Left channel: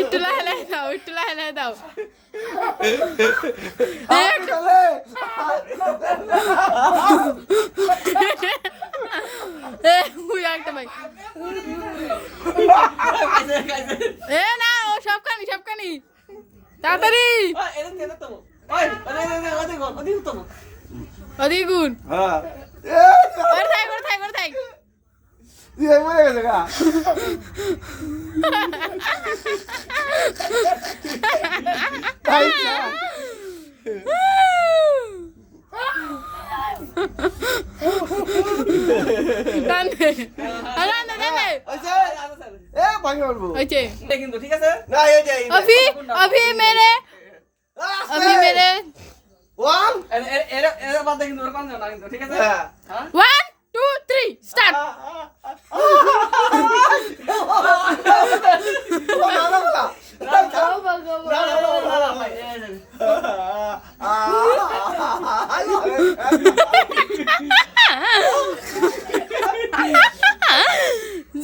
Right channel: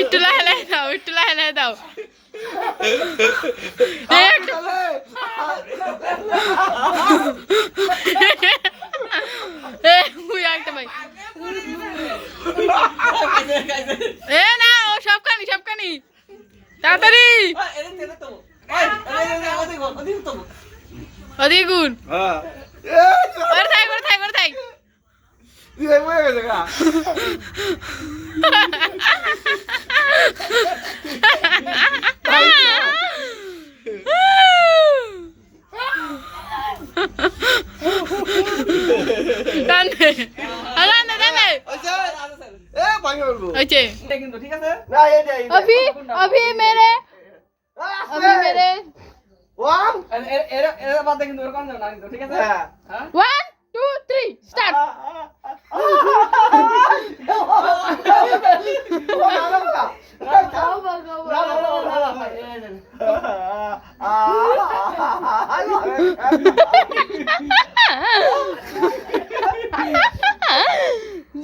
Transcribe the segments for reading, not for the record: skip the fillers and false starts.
একটু লাহে লাহে দাও, একটু লাহে লাহে দাও। না ও সবখানি সবখানি তাড়াতাড়ি ওদিকে গুণ ওর থাক ওর থাক ওর থাক টানে টানে টানে अभी अभी मेरे 1 2 3 स्टार्ट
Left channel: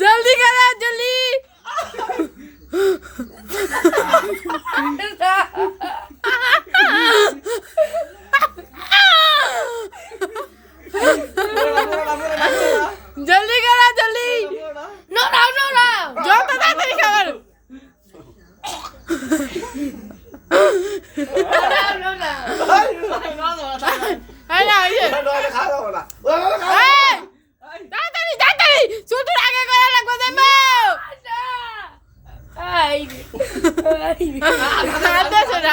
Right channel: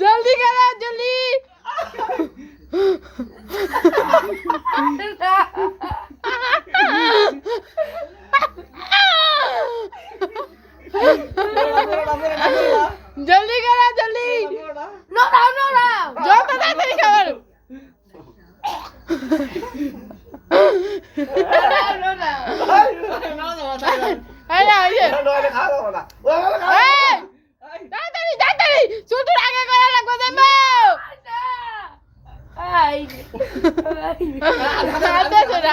जल्दी करो जल्दी जल्दी करो जल्दी नो नो नो नो जो तो ताড়াতাড়ি খাবার এই না এই যে তাড়াতাড়ি তাড়াতাড়ি শুধু আগে করা লাগবে যাইবো হাতে ছেড়ে